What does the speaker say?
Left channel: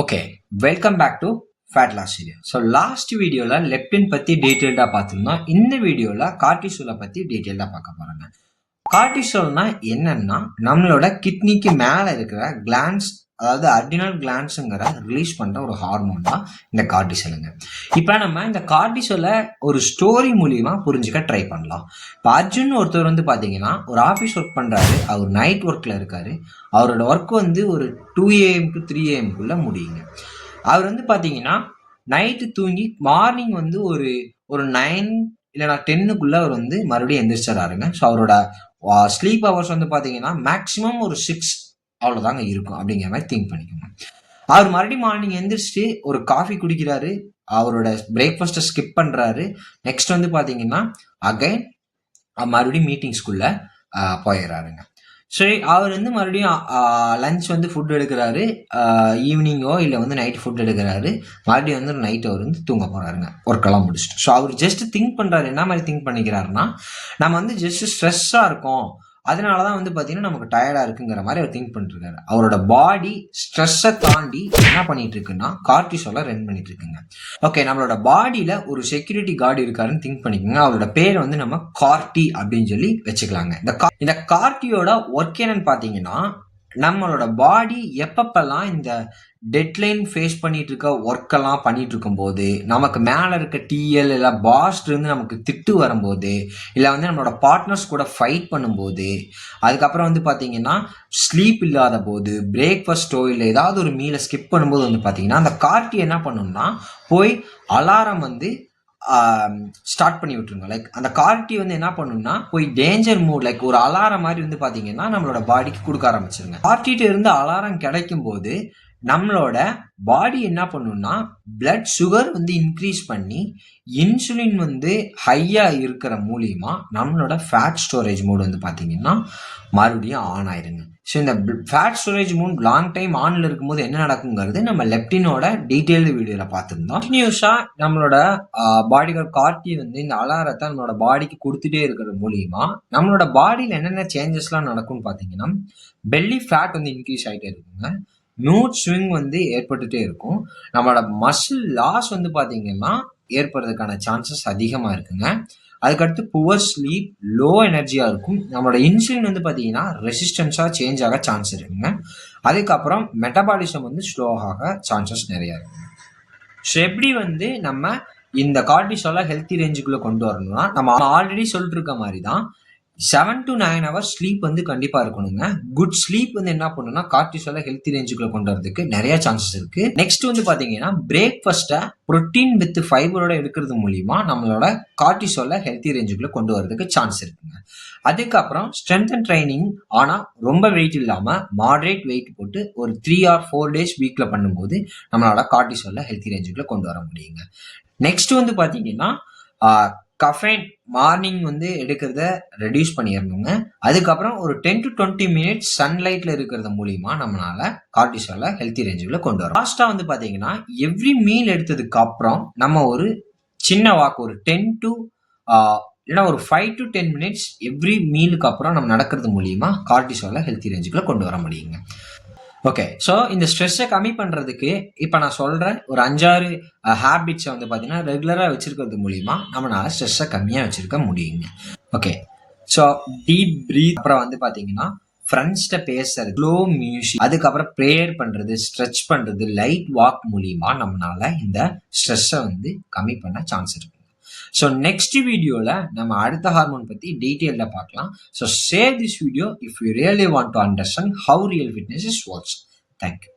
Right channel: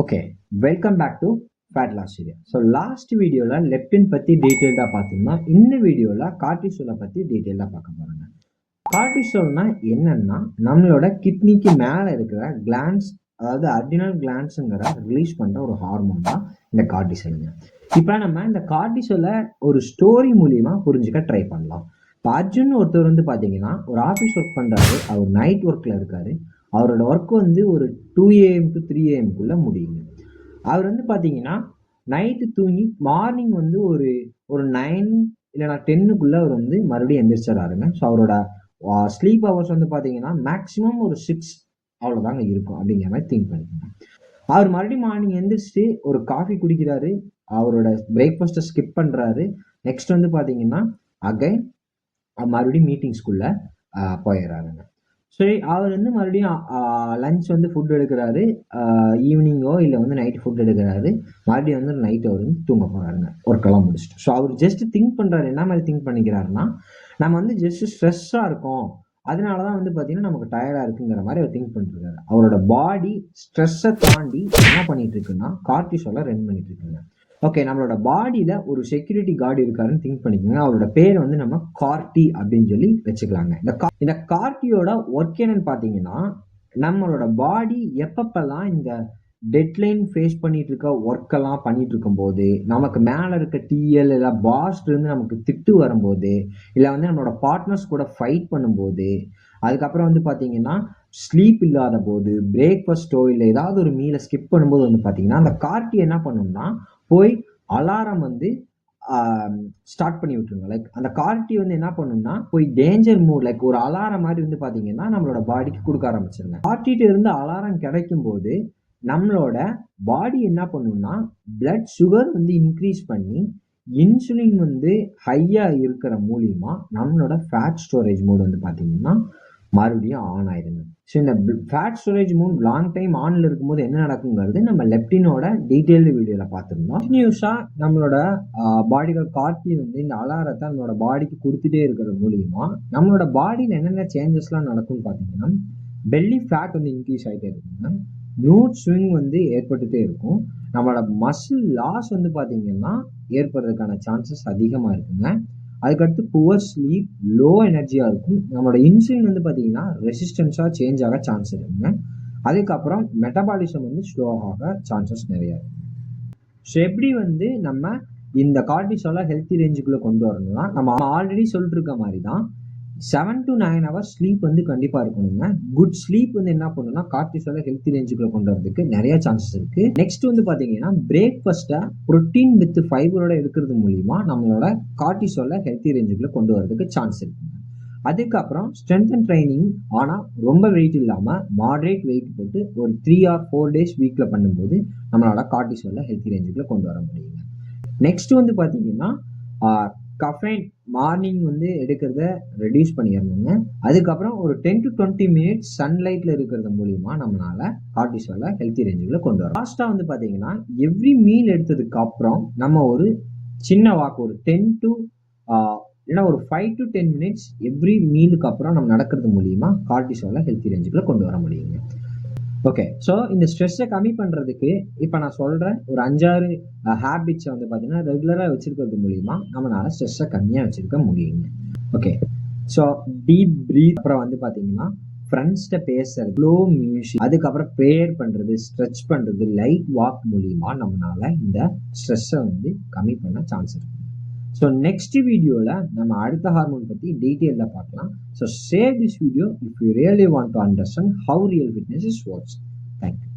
Okay, welcome back to fat loss video. So last வீடியோவில் leptin பற்றி டீட்டெயில்டாக பார்த்துருந்தோம். இந்த வீடியோவில் கார்டிசோலை பற்றி டீட்டெயில்டாக பார்க்க போகிறாங்க. கார்டிசோல்னா என்னன்னா நம்மளோட கிட்னிக்கு மேலே இருக்கிற கிளான்ஸ், அதாவது அட்ரினல் கிளான்ஸுங்கிற ரிலீஸ் பண்ணுற ஒரு ஹார்மோன் தான் இந்த கார்டிசோலுங்க. இப்போ நம்ம இந்த கார்டிசோலை ஒரு ஸ்டோரி மூலியமாக புரிஞ்சுக்க ட்ரை பண்ணலாம். இப்போ அர்ஜுன் ஒருத்தர் வந்து பார்த்தீங்கன்னா ஒரு ஆஃபீஸ் ஒர்க் பண்ணுறாரு. அவர் நைட் ஒர்க்கில் இருக்கார். அவரோட ஒர்க் வந்து ஒரு 2 AM to 3 AM முடியுங்க. அவர் வந்து பார்த்தீங்கன்னா நைட்டு தூங்கி மார்னிங் வந்து ஒரு ஒரு 9 இல்லைனா 10க்குள்ளே அவர் வந்து மறுபடியும் எந்திரிச்சிடறாருங்க. ஸோ அவரோட ஸ்லீப் ஹவர்ஸ் வந்து பார்த்தீங்கன்னா மேக்ஸிமம் ஒரு 6 அவ்வளோதாங்க இருக்கும் அப்படிங்கிற மாதிரி திங்க் பண்ணிக்கோங்க. அவர் மறுபடியும் மார்னிங் எந்திரிச்சிட்டு ஒரு காஃபி குடிக்கிறாரு. அவரோட பிரேக்ஃபாஸ்ட்டை ஸ்கிப் பண்ணுறாரு. நெக்ஸ்ட் வந்து பார்த்தீங்கன்னா அகைன் மறுபடியும் மீட்டிங்ஸ்குள்ளே போயிடுறாருங்க. சரி, அவர் வந்து மறுபடியும் லஞ்ச் வந்து ஃபுட் எடுக்கிறாரு. ஈவினிங்கோ இல்லை வந்து நைட் ஃபுட் எடுக்கிறாரு. மறுபடியும் வந்து நைட் அவர் வந்து தூங்க போகிறாருங்க ஒர்க்கெல்லாம் முடிச்சுட்டு. ஸோ அவர் ஜஸ்ட் திங்க் பண்ணுறாரு. என்ன மாதிரி திங்க் பண்ணிக்கிறாருன்னா, நம்ம வந்து ஜஸ்ட் ஸ்ட்ரெஸ்ஸாக இருக்கோம், அதனால தான் வந்து பார்த்தீங்கன்னா நமக்கு டயர்டாக இருக்குங்கிற மாதிரி அவர் திங்க் பண்ணிருக்காரு. அவரோட பாடி ஸ்ட்ரெஸ்ஸை தாண்டி என்ன பண்ணிட்டு இருக்குன்னா கார்டிசோலை ரன் பண்ணிட்டு இருக்குங்க. ஓகே, நம்மளோட பாடியில் ஒரு செக்யூரிட்டி கார்டு இருக்காருன்னு திங்க் பண்ணிக்கோங்க. அவரோட பேர் வந்து நம்ம கார்டி அப்படின்னு சொல்லி வச்சுக்கலாங்க. இந்த கார்டியோட ஒர்க் என்னன்னு பார்த்தீங்கன்னா, நம்மளோட பாடி எப்பப்பெல்லாம் இந்த டெட்லைன் ஃபேஸ் பண்ணிட்டு இருக்க ஒர்க்கெல்லாம் பண்ணிட்டு இருக்கும்போது, நமக்கு மேலே இருக்க டிஎல் இல்லை பாஸ்லேருந்து நமக்கு திட்டு வரும்போது, இல்லை வந்து நம்மளோட பார்ட்னர்ஸ் கூட ஃபைட் பண்ணும்போது, அதுக்கப்புறம் வந்து பார்த்தீங்கன்னா ஸ்லீப் இல்லாத போது, பிரேக்ஃபாஸ்ட்டோ இல்லை ஏதாவது ஒரு மீலை ஸ்கிப் பண்ணும்போது வந்து பார்த்தீங்கன்னா அந்த கார்டி என்ன பண்ணணும்னா போய் அலாரம் வந்து ஸ்டார்ட் பண்ணி விட்டுருங்க. லைக் அந்த கார்டி வந்து என்ன பண்ணணும்னா போய் டேஞ்சர் மூட், லைக் ஒரு அலாரம் மாதிரி வந்து பார்த்தீங்கன்னா நம்மளோட பாடிக்கு கொடுக்க ஆரம்பிச்சிருங்க. கார்டிகிட்ட இருந்து அலாரம் கிடைக்கும் போது நம்மளோட பாடி என்ன பண்ணுன்னா பிளட் சுகர் வந்து இன்க்ரீஸ் பண்ணி இன்சுலின் வந்து ஹையாக இருக்கிற மூலியமா நம்மளோட ஃபேட் ஸ்டோரேஜ் மோட் வந்து பார்த்தீங்கன்னா மறுபடியும் ஆன் ஆயிருங்க. ஸோ இந்த fat storage mode long time ஆனில் இருக்கும்போது என்ன நடக்குங்கிறது நம்ம லெப்டினோட டீட்டெயில்டு வீடியோவில் பார்த்துருந்தோம். கண்டினியூஸாக நம்மளோட பாடியோட கார்டி வந்து இந்த அலாரத்தை நம்மளோட பாடிக்கு கொடுத்துட்டே இருக்கிறது மூலியமா நம்மளோட பாடியில் என்னென்ன சேஞ்சஸ்லாம் நடக்கும்னு பார்த்தீங்கன்னா, பெல்லி ஃபேட் வந்து இன்க்ரீஸ் ஆகிட்டே இருக்குங்க. மூட் ஸ்விங் வந்து ஏற்பட்டுட்டே இருக்கும். நம்மளோட மசில் லாஸ் வந்து பார்த்தீங்கன்னா ஏற்படுறதுக்கான சான்சஸ் அதிகமாக இருக்குங்க. அதுக்கடுத்து புவர் ஸ்லீப், லோ எனர்ஜியாக இருக்கும். நம்மளோட இன்சுலின் வந்து பார்த்தீங்கன்னா ரெசிஸ்டன்ஸாக சேஞ்ச் ஆக சான்ஸ் இருக்குங்க. அதுக்கப்புறம் மெட்டபாலிசம் வந்து ஸ்லோவாக சான்சஸ் நிறையா இருக்கு. ஸோ எப்படி வந்து நம்ம இந்த கார்டிசோலை ஹெல்த்தி ரேஞ்சுக்குள்ளே கொண்டு வரணும்னா, நம்ம ஆல்ரெடி சொல்லிட்டு இருக்க மாதிரி தான் 7 to 9 hours ஸ்லீப் வந்து கண்டிப்பாக இருக்கணுங்க. குட் ஸ்லீப் வந்து என்ன பண்ணுன்னா கார்டிசோலை ஹெல்த்தி ரேஞ்சுக்குள்ளே கொண்டு வரதுக்கு நிறைய சான்சஸ் இருக்குது. நெக்ஸ்ட் வந்து பார்த்தீங்கன்னா பிரேக்ஃபாஸ்ட்டை ப்ரோட்டீன் வித் ஃபைபரோட எடுக்கிறது மூலிமா நம்மளோட கார்டிசோலை ஹெல்த்தி ரேஞ்சுக்குள்ளே கொண்டு வரதுக்கு சான்ஸ் இருக்குங்க. அதுக்கப்புறம் ஸ்ட்ரென்த் அண்ட் ட்ரைனிங், ஆனால் ரொம்ப வெயிட் இல்லாமல் மாடரேட் வெயிட் போட்டு ஒரு 3 or 4 days வீக்கில் பண்ணும்போது நம்மளோட கார்டிசோலை ஹெல்த்தி ரேஞ்சுக்குள்ளே கொண்டு வர முடியுங்க. நெக்ஸ்ட் வந்து பார்த்தீங்கன்னா கஃபைன் மார்னிங் வந்து எடுக்கிறத ரெடியூஸ் பண்ணிடணுங்க. அதுக்கப்புறம் ஒரு 10 to 20 minutes சன்லைட்டில் இருக்கிறது மூலிமா நம்மளால கார்டிசோலை ஹெல்த்தி ரேஞ்சுக்குள்ள கொண்டு வரோம். லாஸ்ட்டாக வந்து பார்த்தீங்கன்னா எவ்ரி மீல் எடுத்ததுக்கு அப்புறம் நம்ம ஒரு சின்ன வாக் ஒரு 10 to இல்லைனா ஒரு 5 to 10 minutes எவ்ரி மீலுக்கு அப்புறம் நம்ம நடக்கிறது மூலிமா கார்டிசோலை ஹெல்த்தி ரேஞ்சுக்குள்ள கொண்டு வர முடியுங்க. ஓகே, ஸோ இந்த ஸ்ட்ரெஸ்ஸை கம்மி பண்ணுறதுக்கு இப்போ நான் சொல்கிறேன் ஒரு 5-6 ஹேபிட்ஸை வந்து பார்த்தீங்கன்னா ரெகுலராக வச்சுருக்கிறது மூலிமா நம்மளால் ஸ்ட்ரெஸ்ஸை கம்மியாக வச்சுருக்க முடியுங்க. ஓகே, ஸோ டீப் ப்ரீத், அப்புறம் வந்து பார்த்தீங்கன்னா ஃப்ரெண்ட்ஸ்கிட்ட பேசுறது, ஸ்லோ மியூசிக், அதுக்கப்புறம் ப்ரேயர் பண்ணுறது, ஸ்ட்ரெச் பண்ணுறது, லைட் வாக் மூலிமா நம்மளால் இந்த ஸ்ட்ரெஸ்ஸை வந்து கம்மி பண்ண சான்ஸ் இருக்குங்க. ஸோ நெக்ஸ்ட் வீடியோவில் நம்ம அடுத்த ஹார்மோன் பற்றி டீட்டெயிலில் பார்க்கலாம். So share this video if you really want to understand how real fitness is works. Thank you.